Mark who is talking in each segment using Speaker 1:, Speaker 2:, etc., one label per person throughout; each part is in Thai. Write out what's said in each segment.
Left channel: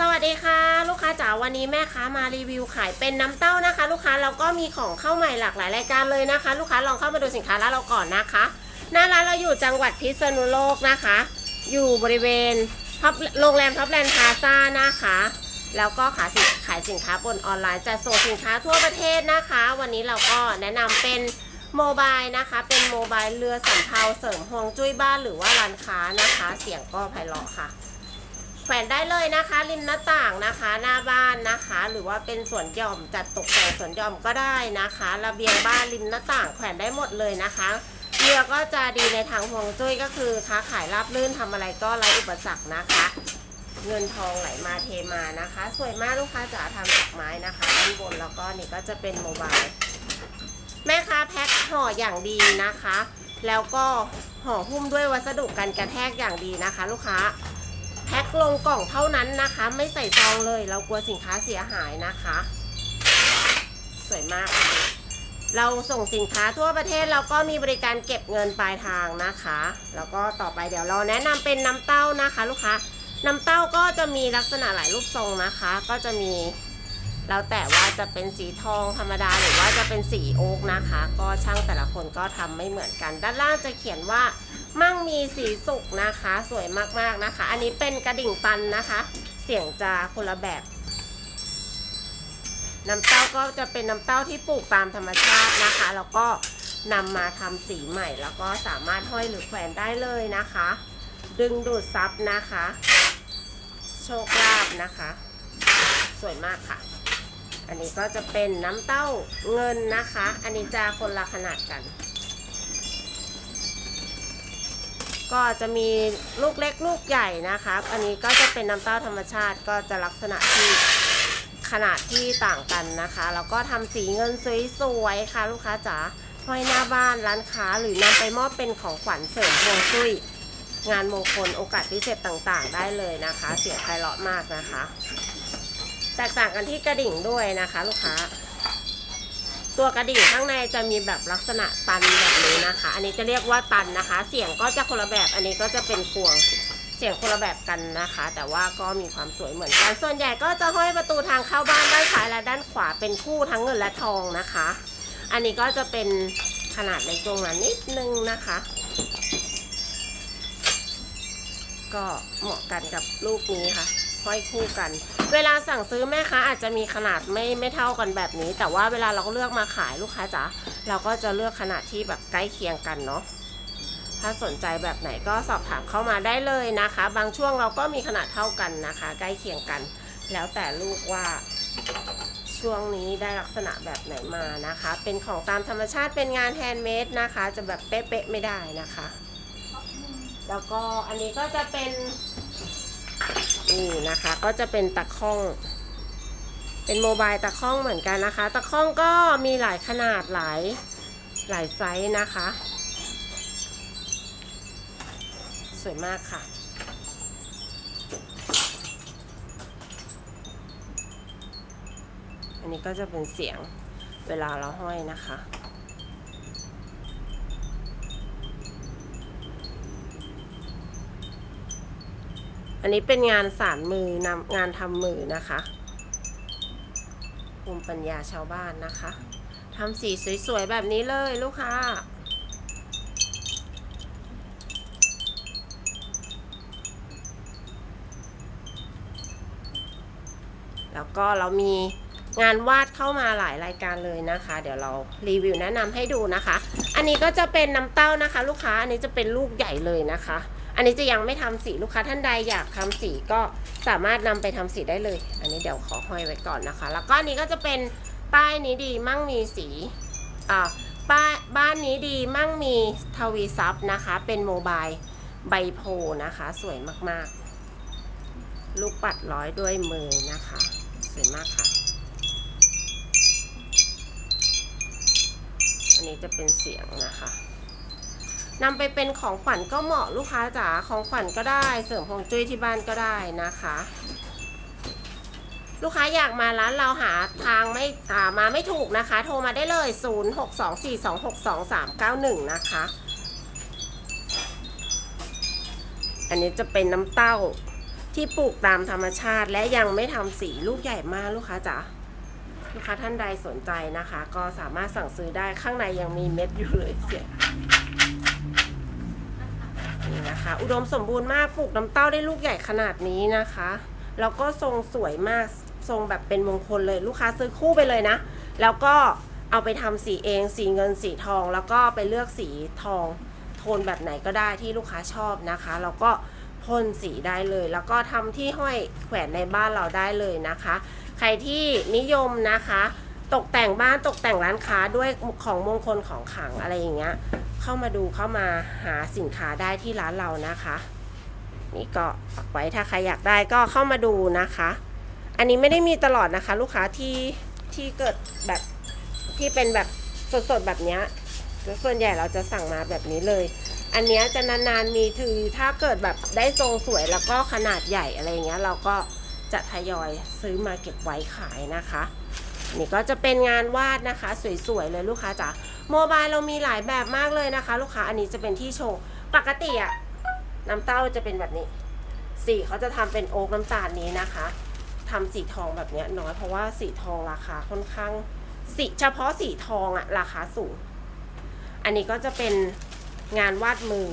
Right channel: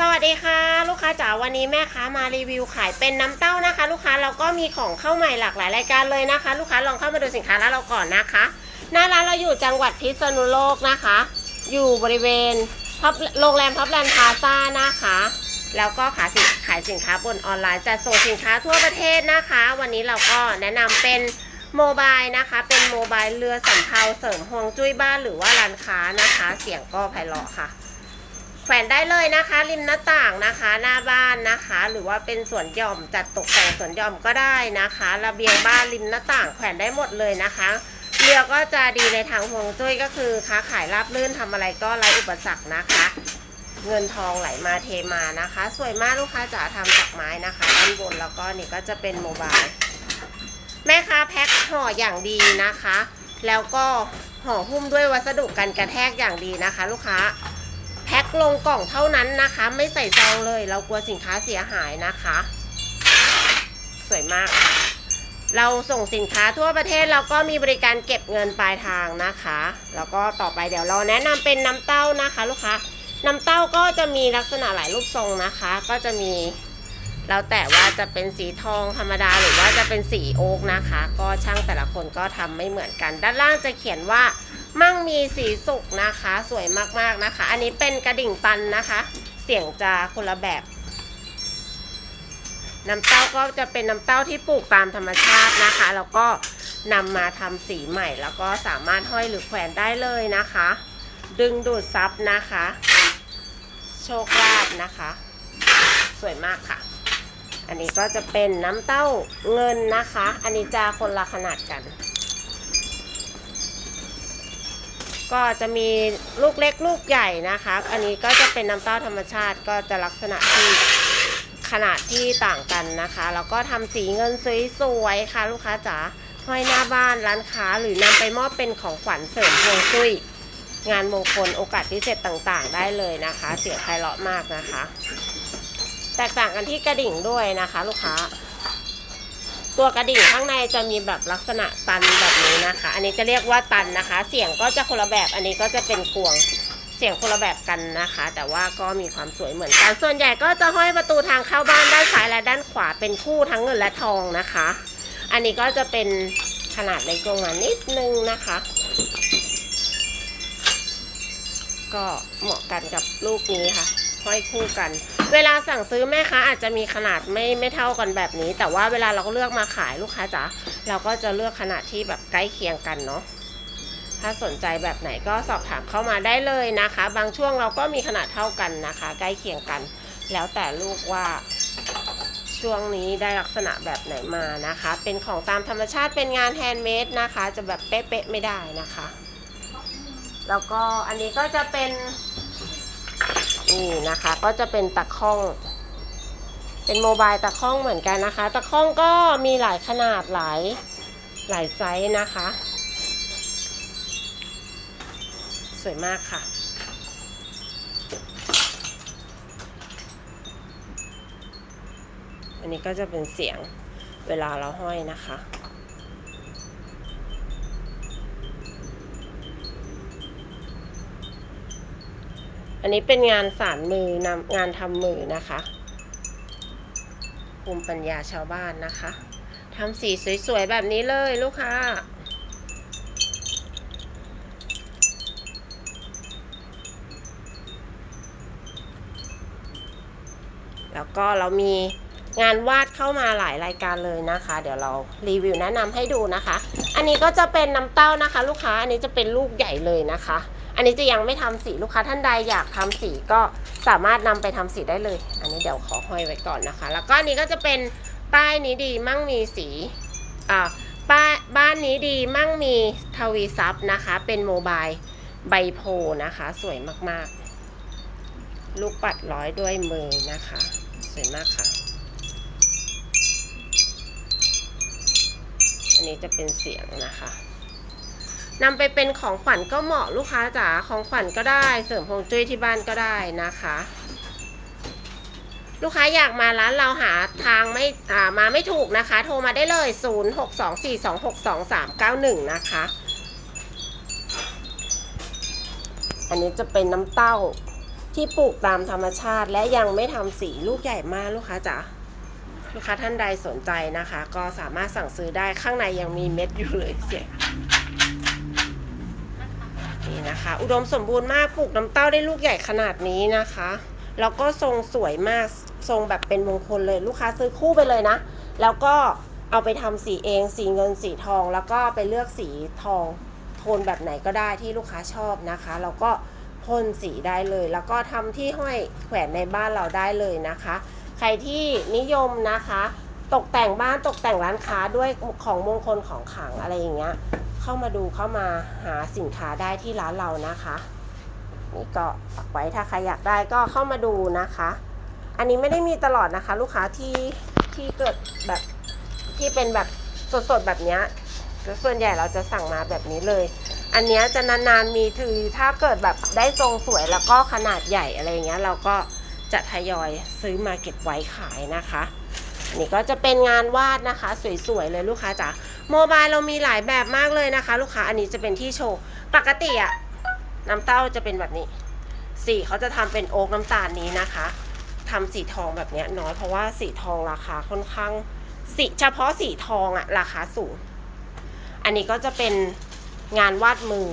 Speaker 1: สวัสดีค่ะ ลูกค้าจ๋าวันนี้แม่ค้ามารีวิวขายเป็นน้ำเต้านะคะ ลูกค้าแล้วก็มีของเข้าใหม่หลากหลายรายการเลยนะคะ ลูกค้าลองเข้ามาดูสินค้าร้านเราก่อนนะคะ หน้าร้านเราอยู่จังหวัดพิษณุโลกนะคะ อยู่บริเวณท็อปโรงแรมท็อปแลนด์พาซ่านะคะ แล้วก็ขายสินขายสินค้าบนออนไลน์จัดส่งสินค้าทั่วประเทศนะคะ วันนี้เราก็แนะนำเป็นโมบายนะคะ เป็นโมบายเรือสำเภาเสริมฮวงจุ้ยบ้านหรือว่าร้านค้านะคะ เสียงก็ไพเราะค่ะ แขวนได้เลยนะคะ ริมหน้าต่างนะคะ หน้าบ้านนะคะ หรือว่าเป็นสวนหย่อมจัดตกแต่งสวนหย่อมก็ได้นะคะ ระเบียงบ้านริมหน้าต่างแขวนได้หมดเลยนะคะเรือก็จะดีในทางฮวงจุ้ยก็คือค้าขายราบรื่นทำอะไรก็ไร้อุปสรรคนะคะ เงินทองไหลมาเทมานะคะ สวยมากลูกค้าจ๋าทำจากไม้นะคะด้านบนแล้วก็นี่ก็จะเป็นโมบายแม่ค้าแพ็คห่ออย่างดีนะคะ แล้วก็ห่อหุ้มด้วยวัสดุกันกระแทกอย่างดีนะคะ ลูกค้า แพ็คลงกล่องเท่านั้นนะคะ ไม่ใส่ซองเลย เรากลัวสินค้าเสียหายนะคะ สวยมาก เราส่งสินค้าทั่วประเทศเราก็มีบริการเก็บเงินปลายทางนะคะ แล้วก็ต่อไปเดี๋ยวเราแนะนำเป็นน้ำเต้านะคะ ลูกค้าน้ำเต้าก็จะมีลักษณะหลายรูปทรงนะคะ ก็จะมีแล้วแต่ว่าจะเป็นสีทองธรรมดาหรือว่าจะเป็นสีโอ๊กนะคะ ก็ช่างแต่ละคนก็ทำไม่เหมือนกัน ด้านล่างจะเขียนว่า มั่งมีสีสุกนะคะ สวยมากๆนะคะ อันนี้เป็นกระดิ่งปันนะคะ เสียงจะคนละแบบ น้ำเต้าก็จะเป็นน้ำเต้าที่ปลูกตามธรรมชาตินะคะ แล้วก็นำมาทำสีใหม่ แล้วก็สามารถห้อยหรือแขวนได้เลยนะคะ ดึงดูดซับนะคะ โชคลาภนะคะ สวยมากค่ะ อันนี้ก็จะเป็นน้ำเต้าเงินนะคะ อันนี้จะคนละขนาดกัน ก็จะมีลูกเล็กลูกใหญ่นะคะ อันนี้ก็จะเป็นน้ำเต้าธรรมชาติก็จะลักษณะที่ขนาดที่ต่างกันนะคะ แล้วก็ทำสีเงินสวยๆค่ะ ลูกค้าจ๋าห้อยหน้าบ้านร้านค้าหรือนำไปมอบเป็นของขวัญเสริมพวงจุ้ยงานมงคลโอกาสพิเศษต่างๆ ได้เลยนะคะ เสียงไพเราะมากนะคะ แตกต่างกันที่กระดิ่งด้วยนะคะ ลูกค้า ตัวกระดิ่งข้างในจะมีแบบลักษณะตันแบบนี้นะคะ อันนี้จะเรียกว่าตันนะคะ เสียงก็จะคนละแบบ อันนี้ก็จะเป็นพวงเสียงคนละแบบกันนะคะ แต่ว่าก็มีความสวยเหมือนกัน ส่วนใหญ่ก็จะห้อยประตูทางเข้าบ้านด้านซ้ายและด้านขวาเป็นคู่ทั้งเงินและทองนะคะ อันนี้ก็จะเป็นขนาดเล็กลงมานิดนึงนะคะ ก็เหมาะกันกับลูกนี้ค่ะ ห้อยคู่กัน เวลาสั่งซื้อแม่ค้าอาจจะมีขนาดไม่ไม่เท่ากันแบบนี้ แต่ว่าเวลาเราก็เลือกมาขายลูกค้าจ๋าเราก็จะเลือกขนาดที่แบบใกล้เคียงกันเนาะถ้าสนใจแบบไหนก็สอบถามเข้ามาได้เลยนะคะ บางช่วงเราก็มีขนาดเท่ากันนะคะ ใกล้เคียงกัน แล้วแต่ลูกว่าช่วงนี้ได้ลักษณะแบบไหนมานะคะ เป็นของตามธรรมชาติเป็นงานแฮนด์เมดนะคะ จะแบบเป๊ะๆไม่ได้นะคะ แล้วก็อันนี้ก็จะเป็น นี่นะคะก็จะเป็นตะข้อง เป็นโมบายตะข้องเหมือนกันนะคะ ตะข้องก็มีหลายขนาดหลายหลายไซส์นะคะ สวยมากค่ะอันนี้ก็จะเป็นเสียงเวลาเราห้อยนะคะ อันนี้เป็นงานสารมือนำงานทำมือนะคะภูมิปัญญาชาวบ้านนะคะทำสีสวยๆแบบนี้เลยลูกค้าแล้วก็เรามีงานวาดเข้ามาหลายรายการเลยนะคะ เดี๋ยวเรารีวิวแนะนำให้ดูนะคะ อันนี้ก็จะเป็นน้ำเต้านะคะ ลูกค้าอันนี้จะเป็นลูกใหญ่เลยนะคะ อันนี้จะยังไม่ทำสีลูกค้าท่านใดอยากทำสีก็สามารถนำไปทำสีได้เลย อันนี้เดี๋ยวขอห้อยไว้ก่อนนะคะ แล้วก็นี้ก็จะเป็นป้ายนี้ดีมั่งมีสีอ่าป้าบ้านนี้ดีมั่งมีทวีซับนะคะ เป็นโมบายใบโพนะคะ สวยมากๆ ลูกปัดร้อยด้วยมือนะคะ สวยมากค่ะ อันนี้จะเป็นเสียงนะคะ นำไปเป็นของขวัญก็เหมาะลูกค้าจ๋าของขวัญก็ได้เสริมพวงจุ้ยที่บ้านก็ได้นะคะ ลูกค้าอยากมาร้านเราหาทางไม่อ่ามาไม่ถูกนะคะ โทรมาได้เลย 0624262391 นะคะ อันนี้จะเป็นน้ำเต้าที่ปลูกตามธรรมชาติและยังไม่ทำสีลูกใหญ่มากลูกค้าจ๋าลูกค้าท่านใดสนใจนะคะ ก็สามารถสั่งซื้อได้ข้างในยังมีเม็ดอยู่เลยเสียง นะคะ อุดมสมบูรณ์มากปลูกน้ำเต้าได้ลูกใหญ่ขนาดนี้นะคะ แล้วก็ทรงสวยมากทรงแบบเป็นมงคลเลยลูกค้าซื้อคู่ไปเลยนะ แล้วก็เอาไปทำสีเองสีเงินสีทอง แล้วก็ไปเลือกสีทองโทนแบบไหนก็ได้ที่ลูกค้าชอบนะคะ แล้วก็พ่นสีได้เลย แล้วก็ทำที่ห้อยแขวนในบ้านเราได้เลยนะคะ ใครที่นิยมนะคะ ตกแต่งบ้านตกแต่งร้านค้าด้วยของมงคลของขังอะไรอย่างเงี้ย เข้ามาดูเข้ามาหาสินค้าได้ที่ร้านเรานะคะ นี่ก็ฝากไว้ถ้าใครอยากได้ก็เข้ามาดูนะคะ อันนี้ไม่ได้มีตลอดนะคะ ลูกค้าที่ที่เกิดแบบที่เป็นแบบสดๆแบบนี้ส่วนใหญ่เราจะสั่งมาแบบนี้เลย อันเนี้ยจะนานๆมีคือถ้าเกิดแบบได้ทรงสวยแล้วก็ขนาดใหญ่อะไรเงี้ยเราก็จะทยอยซื้อมาเก็บไว้ขายนะคะ นี่ก็จะเป็นงานวาดนะคะ สวยๆเลยลูกค้าจ๋าโมบายเรามีหลายแบบมากเลยนะคะ ลูกค้าอันนี้จะเป็นที่โชว์ปกติอะน้ำเต้าจะเป็นแบบนี้สีเขาจะทำเป็นโอ๊กน้ำตาลนี้นะคะทำสีทองแบบนี้น้อยเพราะว่าสีทองราคาค่อนข้างสีเฉพาะสีทองอะราคาสูง อันนี้ก็จะเป็นงานวาดมือ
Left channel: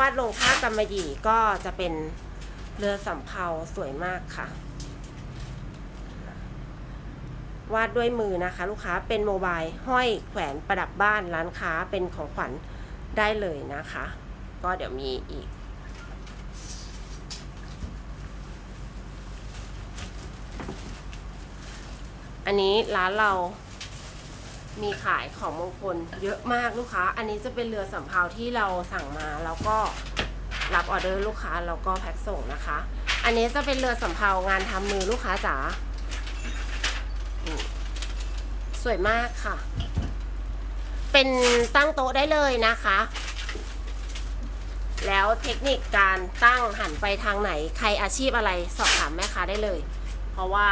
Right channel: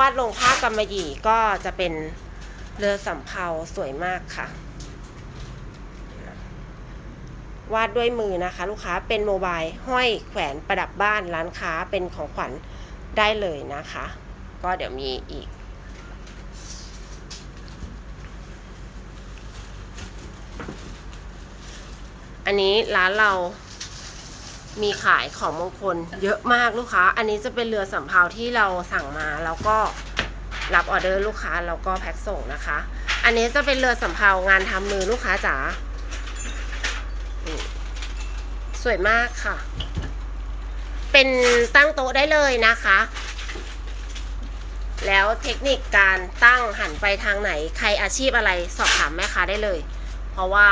Speaker 1: วาดลงผ้ากำมะหยี่ก็จะเป็นเรือสำเภาสวยมากค่ะ วาดด้วยมือนะคะ ลูกค้าเป็นโมบายห้อยแขวนประดับบ้านร้านค้าเป็นของขวัญได้เลยนะคะ ก็เดี๋ยวมีอีก อันนี้ร้านเรามีขายของมงคลเยอะมากลูกค้า อันนี้จะเป็นเรือสำเภาที่เราสั่งมาแล้วก็รับออเดอร์ลูกค้าแล้วก็แพ็คส่งนะคะ อันนี้จะเป็นเรือสำเภางานทำมือลูกค้าจ๋านี่ส วยมากค่ะ เป็นตั้งโต๊ะได้เลยนะคะ แล้วเทคนิคการตั้งหันไปทางไหน ใครอาชีพอะไรสอบถามแม่ค้าได้เลย เพราะว่า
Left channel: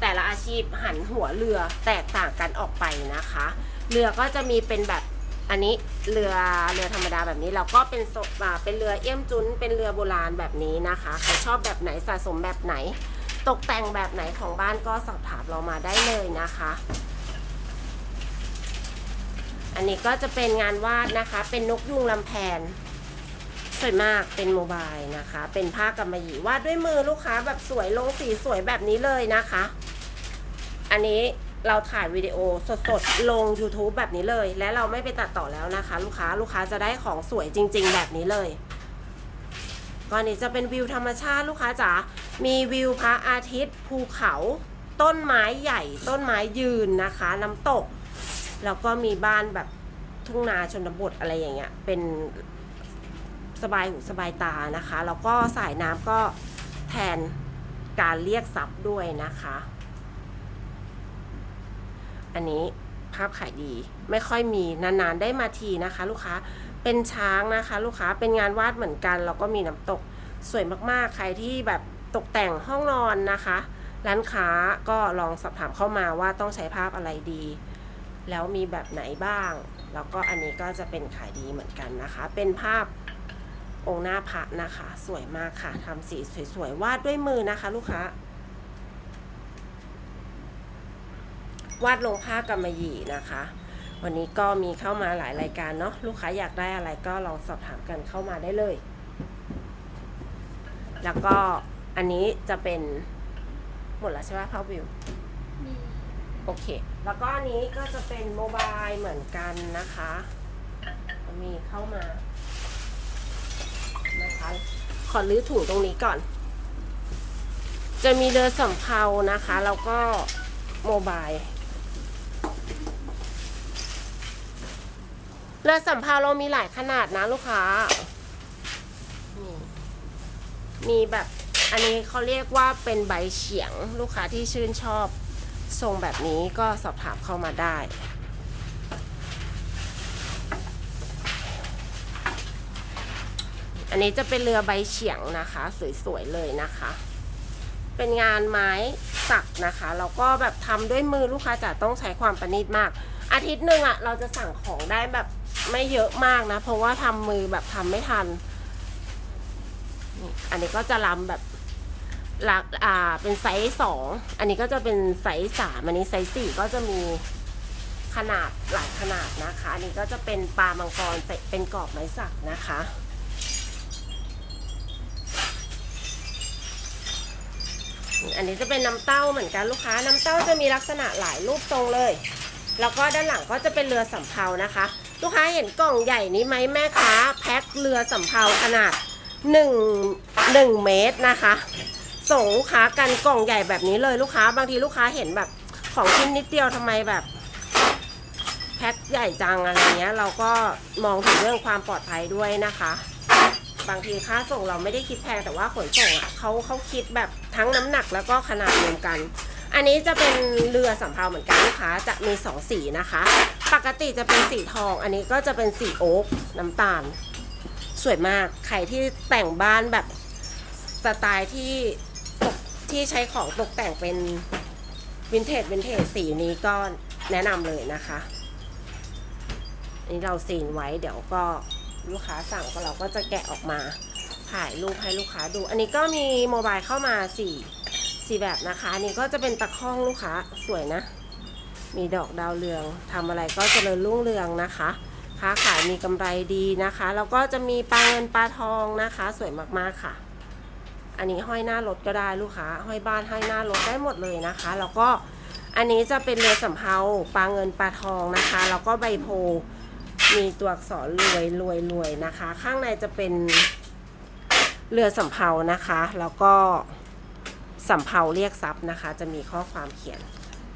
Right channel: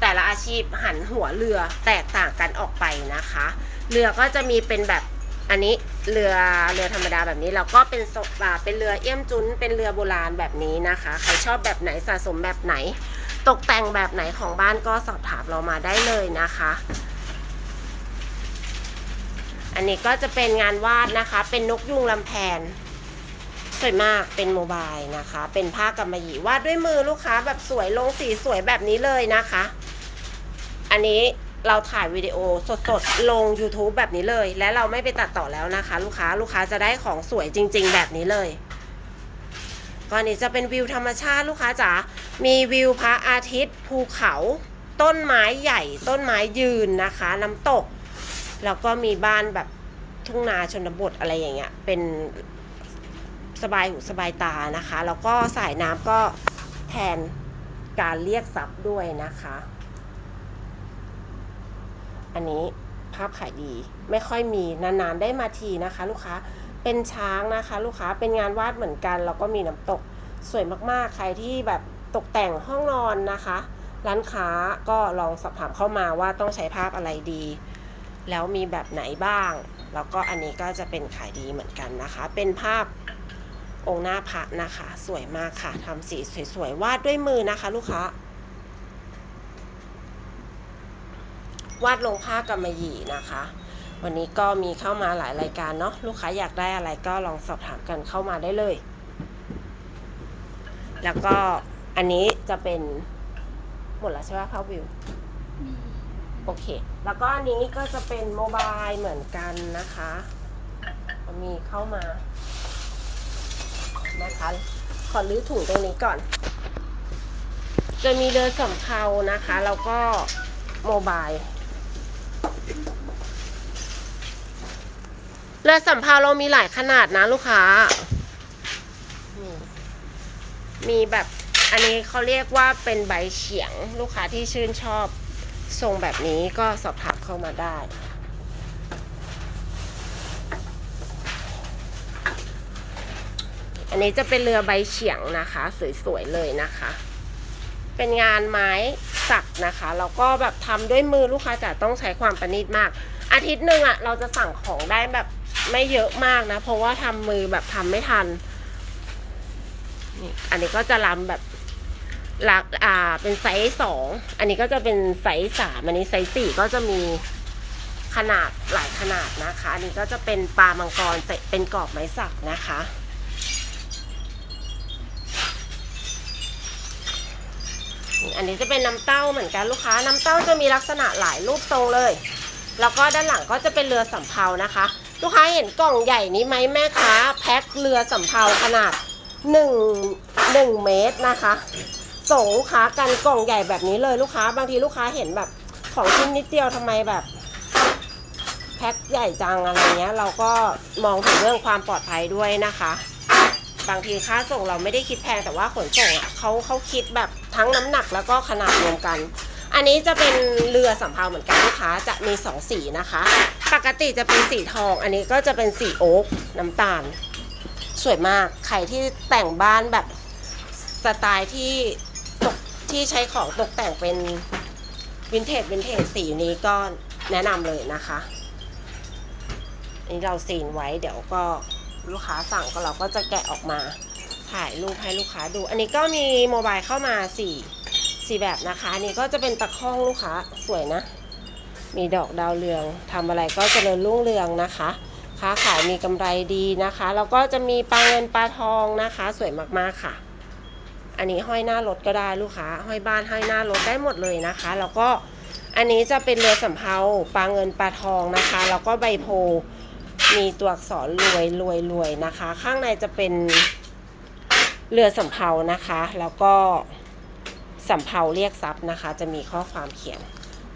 Speaker 1: แต่ละอาชีพหันหัวเรือแตกต่างกันออกไปนะคะ เรือก็จะมีเป็นแบบอันนี้เรือเรือธรรมดาแบบนี้แล้วก็เป็นโซอ่าเป็นเรือเอี่ยมจุนเป็นเรือโบราณแบบนี้นะคะใครชอบแบบไหนสะสมแบบไหน ตกแต่งแบบไหนของบ้านก็สอบถามเรามาได้เลยนะคะ อันนี้ก็จะเป็นงานวาดนะคะ เป็นนกยุงลำแพน สวยมากเป็นโมบายนะคะ เป็นผ้ากำมะหยี่วาดด้วยมือลูกค้าแบบสวยลงสีสวยแบบนี้เลยนะคะ อันนี้เราถ่ายวิดีโอสดๆ ลง YouTube แบบนี้เลย และเราไม่ไปตัดต่อแล้วนะคะ ลูกค้าลูกค้าจะได้ของสวยจริง ๆ แบบนี้เลยก็อันนี้จะเป็นวิวธรรมชาติลูกค้าจ๋ามีวิวพระอาทิตย์ ภูเขา ต้นไม้ใหญ่ ต้นไม้ยืนนะคะ น้ำตก แล้วก็มีบ้านแบบทุ่งนาชนบทอะไรอย่างเงี้ย เป็นสบายหูสบายตานะคะ แล้วก็สายน้ำก็แทนการเรียกทรัพย์ด้วยนะคะ อันนี้ภาพขายดีไม่ค่อยมีนานๆได้มาทีนะคะ ลูกค้าเป็นช้างนะคะ ลูกค้าเป็นงานวาดเหมือนกันแล้วก็มีน้ำตกสวยมากๆ ใครที่แบบตกแต่งห้องนอนนะคะ ร้านค้าก็ลองสอบถามเข้ามาว่าต้องใช้ภาพอะไรดี แล้วมีแบบไหนบ้าง แล้วก็อันนี้ก็จะเป็นขายดีเหมือนกันนะคะ เป็นภาพองค์หน้าพระนะคะ สวยมากค่ะทำสีสวยๆวาดด้วยมือนะคะ ลูกค้าวาดลงผ้ากำมะหยี่นะคะ วันนี้ก็มีเข้ามาหลายรายการเนาะลูกค้าอยากได้อะไรก็ลองสอบถามกันเข้ามาได้เลย แล้วก็อันนี้จะเป็นหมดแล้วใช่ไหมพาวิว โอเค แล้วก็อันนี้ก็จะเป็นโมบายเหมือนกันนะคะ มีเข้ามา นะคะ ขอรื้อถุงตรงนี้ก่อน จะมีเรือสำเภานะคะ แล้วก็โมบาย เรือสำเภาเรามีหลายขนาดนะลูกค้ามีมีแบบ อันนี้เขาเรียกว่าเป็นใบเฉียงลูกค้าที่ชื่นชอบ ทรงแบบนี้ก็สอบถามเข้ามาได้อันนี้จะเป็นเรือใบเฉียงนะคะ สวยๆเลยนะคะ เป็นงานไม้สักนะคะแล้วก็แบบทำด้วยมือลูกค้าจะต้องใช้ความประณีตมาก อาทิตย์หนึ่งอะเราจะสั่งของได้แบบไม่เยอะมากนะ เพราะว่าทำมือแบบทำไม่ทันนี่อันนี้ก็จะลำแบบ หลักอ่าเป็นไซส์สองอันนี้ก็จะเป็นไซส์สามอันนี้ไซส์สี่ก็จะมีขนาดหลายขนาดนะคะ อันนี้ก็จะเป็นปลามังกรเป็นกรอบไม้สักนะคะ อันนี้จะเป็นน้ำเต้าเหมือนกันลูกค้า น้ำเต้าจะมีลักษณะหลายรูปทรงเลย แล้วก็ด้านหลังก็จะเป็นเรือสำเภานะคะ ลูกค้าเห็นกล่องใหญ่นี้ไหมแม่ค้าแพ็คเรือสำเภาขนาด 1 1 เมตรนะคะ ส่งลูกค้ากันกล่องใหญ่แบบนี้เลยลูกค้า บางทีลูกค้าเห็นแบบของชิ้นนิดเดียวทำไมแบบแพ็คใหญ่จังอะไรเงี้ย เราก็มองถึงเรื่องความปลอดภัยด้วยนะคะ บางทีค่าส่งเราไม่ได้คิดแพงแต่ว่าขนส่งอะเขาเขาคิดแบบทั้งน้ำหนักแล้วก็ขนาดรวมกัน อันนี้จะเป็นเรือสำเภาเหมือนกันลูกค้าจะมีสองสีนะคะ ปกติจะเป็นสีทอง อันนี้ก็จะเป็นสีโอ๊กน้ำตาล สวยมากใครที่แต่งบ้านแบบสไตล์ที่ ที่ใช้ของตกแต่งเป็นวินเทจวินเทจสีนี้ก็แนะนำเลยนะคะอันนี้เราซีนไว้เดี๋ยวก็ลูกค้าสั่งก็เราก็จะแกะออกมาถ่ายรูปให้ลูกค้าดู อันนี้ก็มีโมบายเข้ามาสี่สี่แบบนะคะอันนี้ก็จะเป็นตะข้องลูกค้าสวยนะ มีดอกดาวเรืองทำอะไรก็เจริญรุ่งเรืองนะคะ ค้าขายมีกำไรดีนะคะ แล้วก็จะมีปลาเงินปลาทองนะคะ สวยมากๆค่ะ อันนี้ห้อยหน้ารถก็ได้ลูกค้า ห้อยบ้านห้อยหน้ารถได้หมดเลยนะคะ แล้วก็อันนี้จะเป็นเรือสำเภาปลาเงินปลาทองนะคะ แล้วก็ใบโพมีตัวอักษรรวยรวยรวยนะคะ ข้างในจะเป็นเรือสำเภานะคะ แล้วก็สำเภาเรียกทรัพย์นะคะ จะมีข้อความเขียน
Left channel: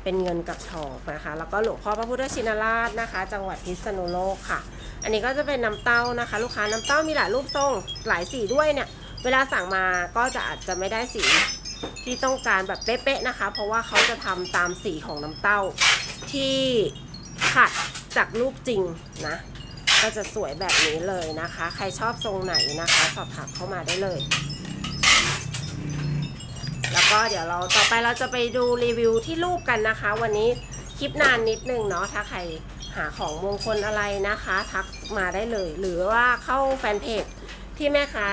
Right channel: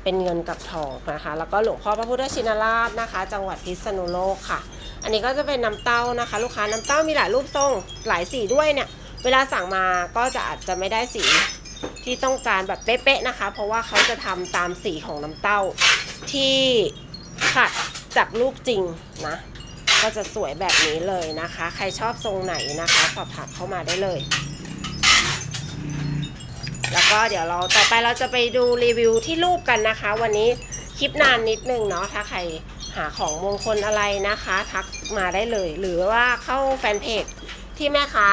Speaker 1: เป็นเงินกับทองนะคะ แล้วก็หลวงพ่อพระพุทธชินราชนะคะ จังหวัดพิษณุโลกค่ะ อันนี้ก็จะเป็นน้ำเต้านะคะ ลูกค้าน้ำเต้ามีหลายรูปทรงหลายสีด้วยเนี่ย เวลาสั่งมาก็จะอาจจะไม่ได้สีที่ต้องการแบบเป๊ะๆนะคะ เพราะว่าเขาจะทำตามสีของน้ำเต้าที่ขัดจากลูกจริงนะก็จะสวยแบบนี้เลยนะคะ ใครชอบทรงไหนนะคะ สอบถามเข้ามาได้เลย แล้วก็เดี๋ยวเราต่อไปเราจะไปดูรีวิวที่รูปกันนะคะ วันนี้คลิปนานนิดนึงเนาะถ้าใครหาของมงคลอะไรนะคะ ทักมาได้เลย หรือว่าเข้าแฟนเพจที่แม่ค้า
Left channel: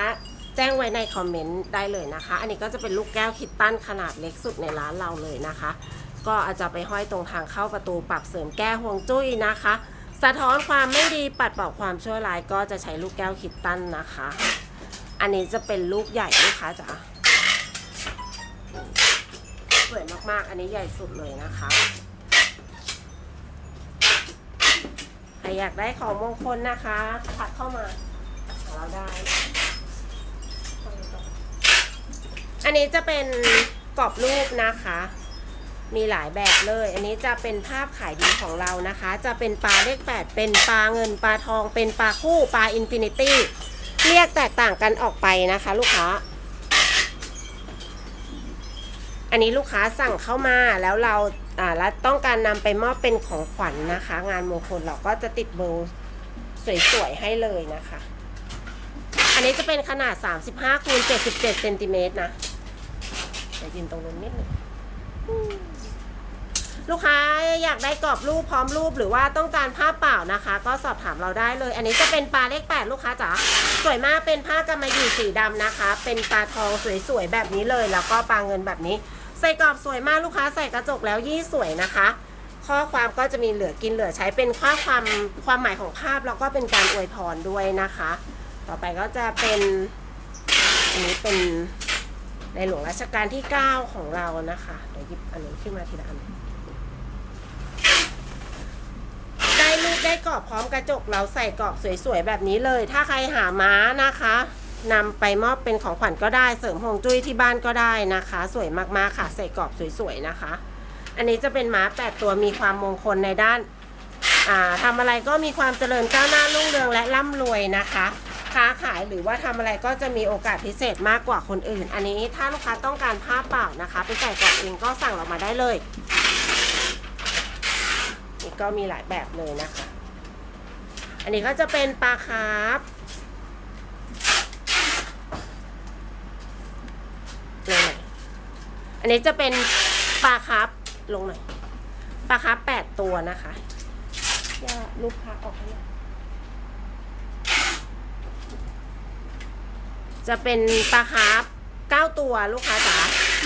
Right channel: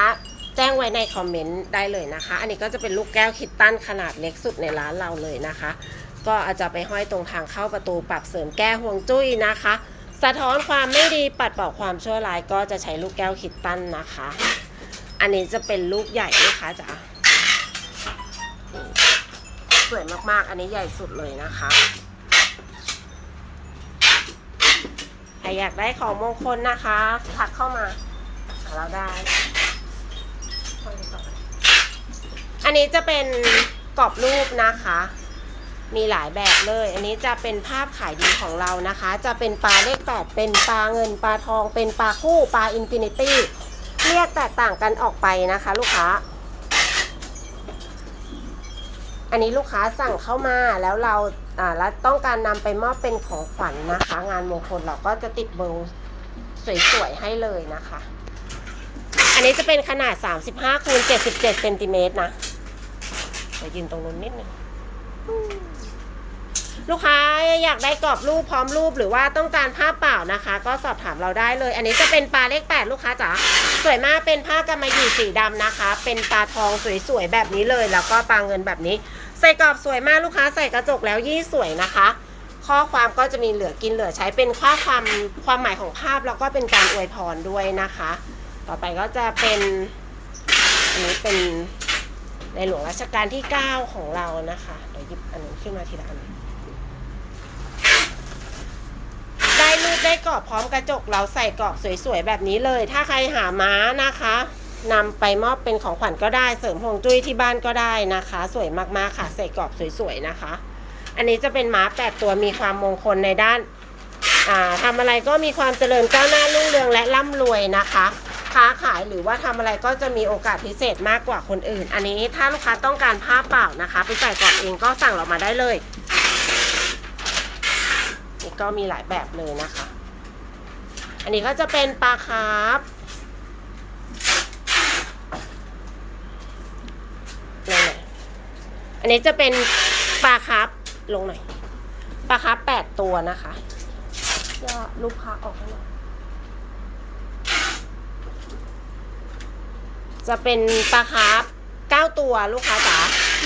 Speaker 1: แจ้งไว้ในคอมเมนต์ได้เลยนะคะ อันนี้ก็จะเป็นลูกแก้วคิตตันขนาดเล็กสุดในร้านเราเลยนะคะ ก็อาจจะไปห้อยตรงทางเข้าประตูปรับเสริมแก้ห่วงจุ้ยนะคะ สะท้อนความไม่ดีปัดเป่าความชั่วร้ายก็จะใช้ลูกแก้วคิตตันนะคะ อันนี้จะเป็นลูกใหญ่ลูกค้าจ๋าสวยมากๆ อันนี้ใหญ่สุดเลยนะคะใครอยากได้ของมงคลนะคะ ทักเข้ามาเราได้ อันนี้จะเป็นกรอบรูปนะคะ มีหลายแบบเลย อันนี้จะเป็นภาพขายดีของเรานะคะ จะเป็นปลาเลขแปดเป็นปลาเงินปลาทอง เป็นปลาคู่ปลาอินฟินิตี้เรียกแตกต่างกันออกไปนะคะ ลูกค้า อันนี้ลูกค้าสั่งเข้ามาแล้วเราอ่าแล้วต้องการนำไปมอบเป็นของขวัญนะคะ งานมงคลเราก็จะติดเบอร์สวยๆให้เลยนะคะ อันนี้จะเป็นขนาด 35คูณ77เซนติเมตรนะ เดี๋ยวยืนตรงนู้นนิดนึงลูกค้าอยากได้กรอบรูปพร้อมรูปหรือว่าต้องการภาเปล่านะคะ ก็สอบถามเราได้เลย อันนี้จะเป็นปลาเลขแปดลูกค้าจ๋าสวยมากเป็นผ้ากำมะหยี่สีดำนะคะ เป็นปลาทองสวยๆแบบนี้เลย แล้วก็ปลาเงินแบบนี้ ใส่กรอบสวยมากลูกค้าใส่กระจกแล้วยี่สวยนะคะ ข้อความก็จะมีเหลือกินเหลือใช้เป็นข้อความความหมายของภาพแล้วก็เป็นการอวยพรด้วยนะคะ ต่อไปก็จะเป็นอันนี้เป็น ในหลวงรัชกาลที่ 9 ของเรานะคะเดี๋ยวหยิบอันนี้ขึ้นมาทีละอันได้รูปได้กรอบพร้อมกระจกเราใส่กรอบสวยๆแบบนี้เลย ถ้าใครหาม้านะคะนำไปมอบเป็นของขวัญก็ได้เสริมฮวงจุ้ยที่บ้านก็ได้นะคะ สวยมากๆค่ะ ใส่กรอบสวยๆนะคะ อันนี้จะเป็นม้าแปดตัวมีความมงคลในด้านอ่าทำอะไรก็มีความเจริญก้าวหน้ารุ่งเรืองและร่ำรวยนะคะ ค้าขายหรือว่าทำอะไรก็จะมีโอกาสพิเศษมากกว่าคนอื่น อันนี้ถ้าลูกค้าต้องการผ้าเปล่านะคะไปใส่กรอบเองก็สั่งเรามาได้เลยนี่ก็มีหลายแบบเลยนะคะ อันนี้ก็จะเป็นปลาคาร์ฟลงหน่อยอันนี้จะเป็นปลาคาร์ฟลงหน่อยปลาคาร์ฟแปดตัวนะคะย่อลูกค้าออกให้หน่อย จะเป็นปลาคาร์ฟ9ตัวลูกค้าจ๋า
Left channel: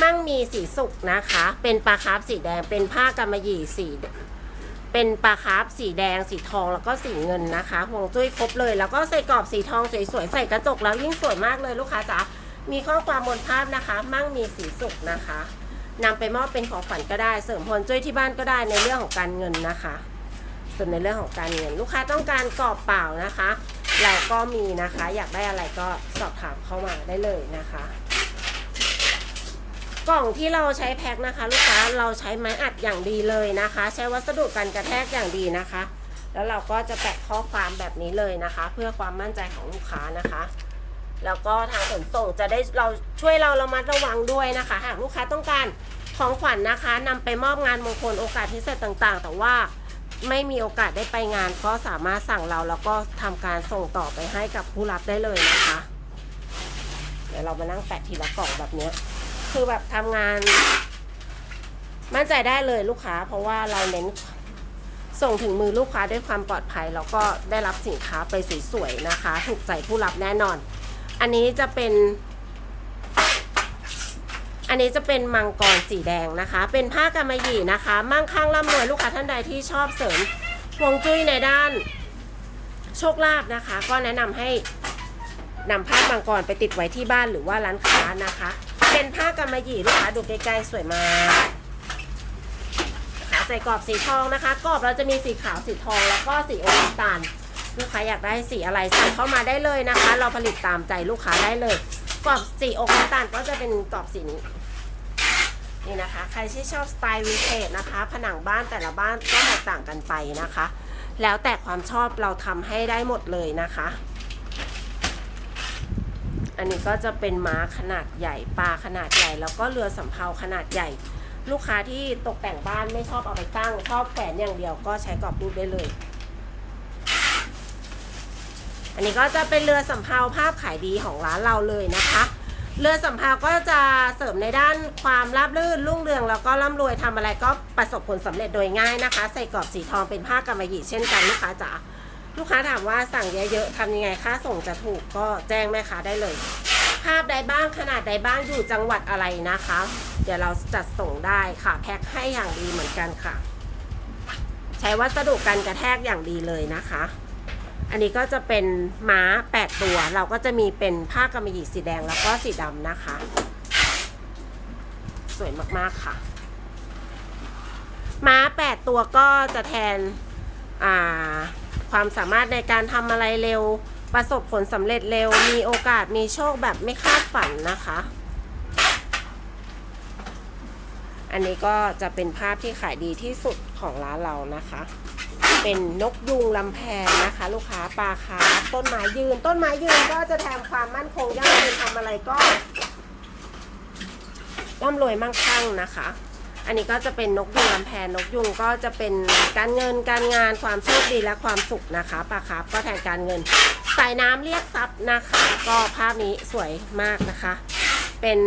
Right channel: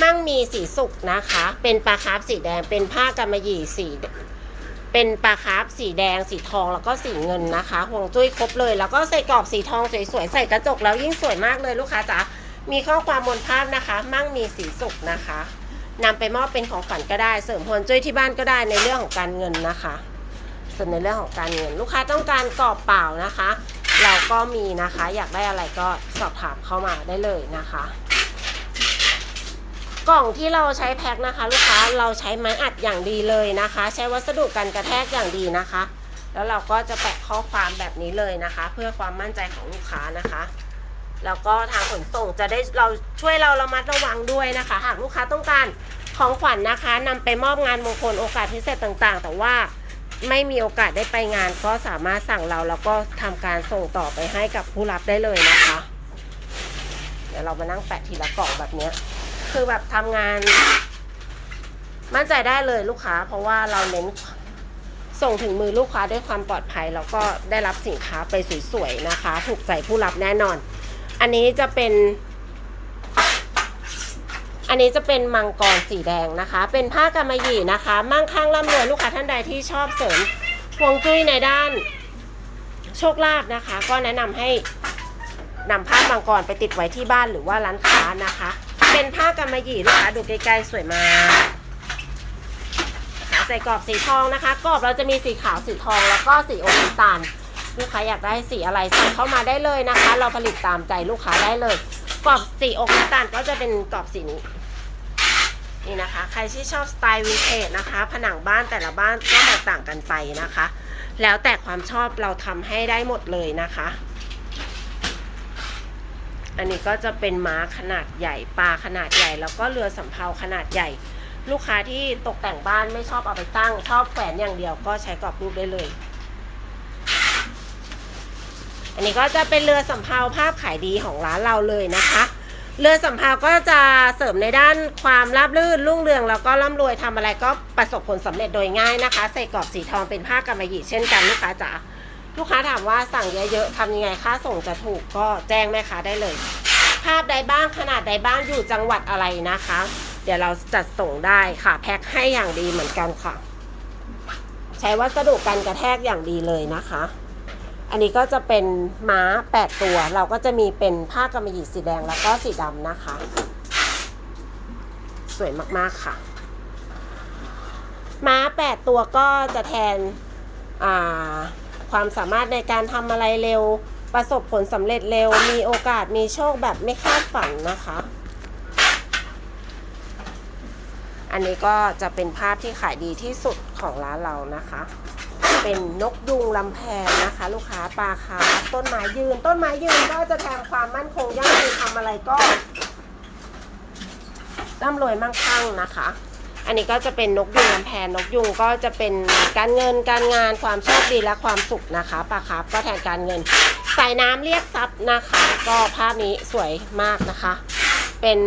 Speaker 1: มั่งมีสีสุกนะคะ เป็นปลาคาร์ฟสีแดง เป็นผ้ากำมะหยี่สี เป็นปลาคาร์ฟสีแดง สีทอง แล้วก็สีเงินนะคะ ห่วงจุ้ยครบเลย แล้วก็ใส่กรอบสีทองสวยๆ ใส่กระจกแล้วยิ่งสวยมากเลยลูกค้าจ๋า มีข้อความบนภาพนะคะ มั่งมีสีสุกนะคะนำไปมอบเป็นของขวัญก็ได้ เสริมพลจุ้ยที่บ้านก็ได้ในเรื่องของการเงินนะคะ ส่วนในเรื่องของการเงิน ลูกค้าต้องการกรอบเปล่านะคะ เราก็มีนะคะ อยากได้อะไรก็สอบถามเข้ามาได้เลยนะคะ กล่องที่เราใช้แพ็คนะคะ ลูกค้าเราใช้ไม้อัดอย่างดีเลยนะคะ ใช้วัสดุกันกระแทกอย่างดีนะคะ แล้วเราก็จะแปะข้อความแบบนี้เลยนะคะ เพื่อความมั่นใจของลูกค้านะคะแล้วก็ทางขนส่งจะได้เราช่วยเราระมัดระวังด้วยนะคะ หากลูกค้าต้องการของขวัญนะคะนำไปมอบงานมงคลโอกาสพิเศษต่างๆ แต่ว่า ไม่มีโอกาสได้ไปงาน ก็สามารถสั่งเราแล้วก็ทำการส่งต่อไปให้กับผู้รับได้เลยนะคะ เดี๋ยวเรามานั่งแปะทีละกล่องแบบเนี้ยคือแบบทำงาน มั่นใจได้เลยลูกค้า เพราะว่าเราเน้นส่งถึงมือลูกค้าด้วยความปลอดภัย แล้วก็ได้รับสินค้าไปสวยๆนะคะ ถูกใจผู้รับแน่นอน อันนี้จะเป็น อันนี้จะเป็นมังกรสีแดงนะคะ เป็นผ้ากำมะหยี่นะคะ มั่งคั่งร่ำรวยลูกค้าท่านใดที่ชอบเสริมฮวงจุ้ยในด้านโชคลาภนะคะ ก็แนะนำให้นำผ้ามังกรไปติดไว้ที่บ้านหรือว่าร้านค้านะคะ เป็นผ้ากำมะหยี่ลูกค้าดูใกล้ๆสวยมากนะคะใส่กรอบสีทองนะคะ กรอบเราจะมีสีขาวสีทองแล้วก็สีโอมน้ำตาลลูกค้าอยากได้สีอะไรใส่งเข้ามาได้เลยนะคะ เราผลิตตามใจลูกค้าได้เลยกรอบสีอกน้ำตาลก็จะเป็นกรอบสีนี้ นี่นะคะ ใครที่ชอบสไตล์วินเทจนะคะ ผนังบ้านแต่ละบ้านก็แตกต่างกันไปนะคะ แล้วแต่ความชอบเราทำให้ได้หมดเลยนะคะ อันนี้ก็จะเป็นม้าขนาดใหญ่ปลาขนาดใหญ่ แล้วก็เรือสำเภาขนาดใหญ่ ลูกค้าที่ตกแต่งบ้านไม่ชอบเอาไปตั้ง ชอบแขวนอย่างเดียวก็ใช้กรอบรูปได้เลย อันนี้ก็จะเป็นเรือสำเภาภาพขายดีของร้านเราเลยนะคะ เรือสำเภาก็จะเสริมในด้านความราบรื่นรุ่งเรืองแล้วก็ร่ำรวยทำอะไรก็ประสบผลสำเร็จโดยง่ายนะคะ ใส่กรอบสีทองเป็นผ้ากำมะหยี่เช่นกันลูกค้าจ๋าลูกค้าถามว่าสั่งเยอะๆทำยังไงค่าส่งจะถูกก็แจ้งแม่ค้าได้เลย ภาพใดบ้างขนาดใดบ้างอยู่จังหวัดอะไรนะคะ เดี๋ยวเราจัดส่งได้ค่ะแพ็คให้อย่างดีเหมือนกันค่ะ ใช้วัสดุกันกระแทกอย่างดีเลยนะคะ อันนี้ก็จะเป็นม้า 8 ตัว เราก็จะมีเป็นผ้ากำมะหยี่สีแดงแล้วก็สีดำนะคะ สวยมากๆค่ะ ม้า 8 ตัวก็จะแทนความสามารถในการทำอะไรเร็ว ประสบผลสำเร็จเร็ว มีโอกาสมีโชคแบบไม่คาดฝันนะคะ อันนี้ก็จะเป็นภาพที่ขายดีที่สุดของร้านเรานะคะ เป็นนกยุงลำแพนนะคะ ลูกค้าปลาคาต้นไม้ยืน ต้นไม้ยืนก็จะแทนความมั่นคงยั่งยืนทำอะไรก็ร่ำรวยมั่งคั่งนะคะ อันนี้ก็จะเป็นนกยุงลำแพนนกยุงก็จะเป็นการเงินการงานความโชคดีและความสุขนะคะปลาคาก็แทนการเงินสายน้ำเรียกทรัพย์นะคะ ก็ภาพนี้สวยมากนะคะเป็น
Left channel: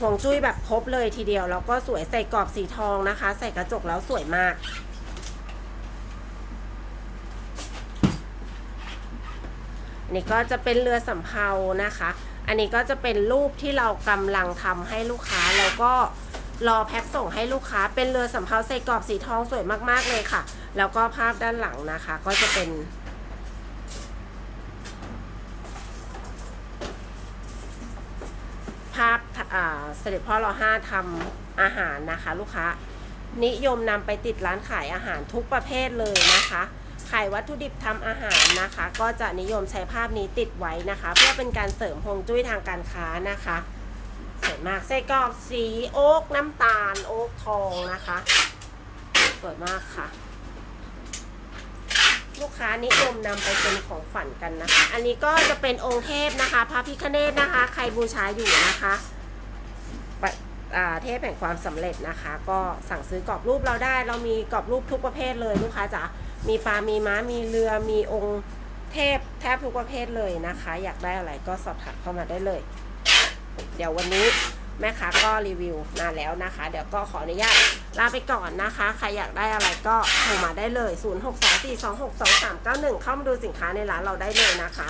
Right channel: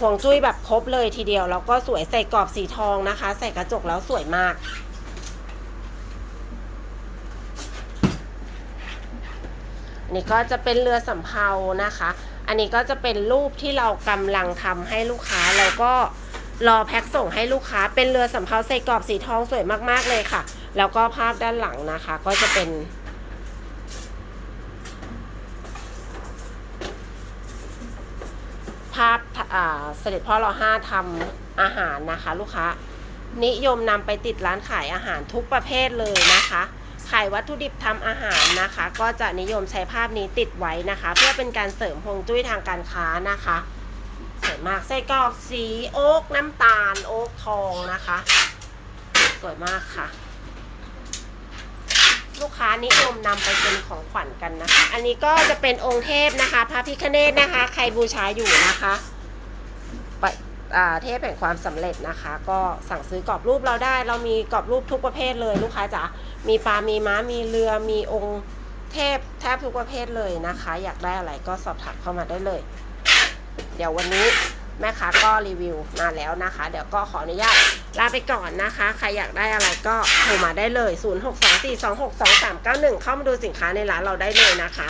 Speaker 1: ห่วงจุ้ยแบบครบเลยทีเดียว แล้วก็สวยใส่กรอบสีทองนะคะ ใส่กระจกแล้วสวยมาก อันนี้ก็จะเป็นเรือสำเภานะคะ อันนี้ก็จะเป็นรูปที่เรากำลังทำให้ลูกค้าแล้วก็รอแพ็คส่งให้ลูกค้า เป็นเรือสำเภาใส่กรอบสีทองสวยมากๆเลยค่ะ แล้วก็ภาพด้านหลังนะคะ ก็จะเป็นภาพเสด็จพ่อรอห้าทำอาหารนะคะ ลูกค้า นิยมนำไปติดร้านขายอาหารทุกประเภทเลยนะคะ ขายวัตถุดิบทำอาหารนะคะ ก็จะนิยมใช้ภาพนี้ติดไว้นะคะ เพื่อเป็นการเสริมฮวงจุ้ยทางการค้านะคะสวยมากไส้กรอกสีโอ๊กน้ำตาล โอ๊กทองนะคะสวยมากค่ะ ลูกค้านิยมนำไปเป็นของขวัญกันนะคะ อันนี้ก็จะเป็นองค์เทพนะคะพระพิฆเนศนะคะ ใครบูชาอยู่นะคะ เทพแห่งความสำเร็จนะคะ ก็สั่งซื้อกรอบรูปเราได้ เรามีกรอบรูปทุกประเภทเลยลูกค้าจ๋ามีปลา มีม้า มีเรือ มีองค์เทพแทบทุกประเภทเลยนะคะ อยากได้อะไรก็สอบถามเข้ามาได้เลย เดี๋ยววันนี้แม่ค้าก็รีวิวมาแล้วนะคะ เดี๋ยวก็ขออนุญาตลาไปก่อนนะคะ ใครอยากได้อะไรก็โทรมาได้เลย 0624262391 เข้ามาดูสินค้าในร้านเราได้เลยนะคะ